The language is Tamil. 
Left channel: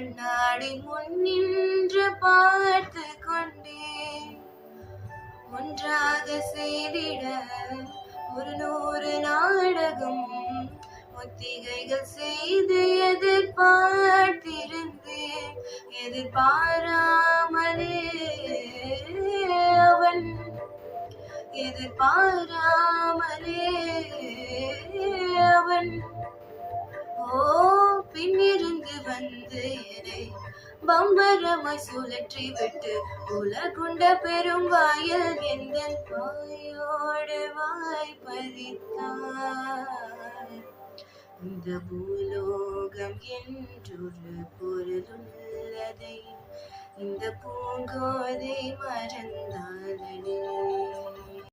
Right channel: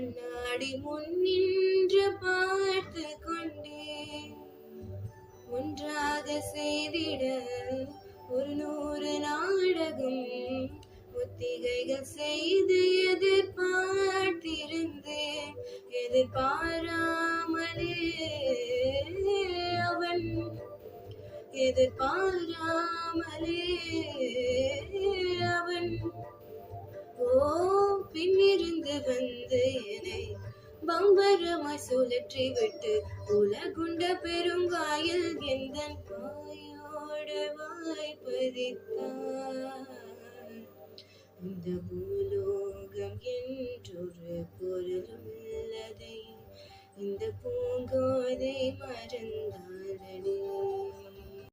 கண்ணாடி முன் நின்று பார்த்து கொண்டேன். ஒன்றாக செய்திட 100 நாடகம் ஒத்திகைகள் செய்து எதிர்பார்த்திருந்தேன். எதிர்பாராமலே அவன் பின்னிருந்து வந்து என்னை பம்பரமாய் சுழற்றி விட்டு உலகுண்ட பெரும் வாயில் எந்தன் வாயோடு வாய்ப்பதித்தார். இந்த பூலோகம் என்றொரு பொருளுள்ளதை இந்த பூங்கோதை மறந்தாளே.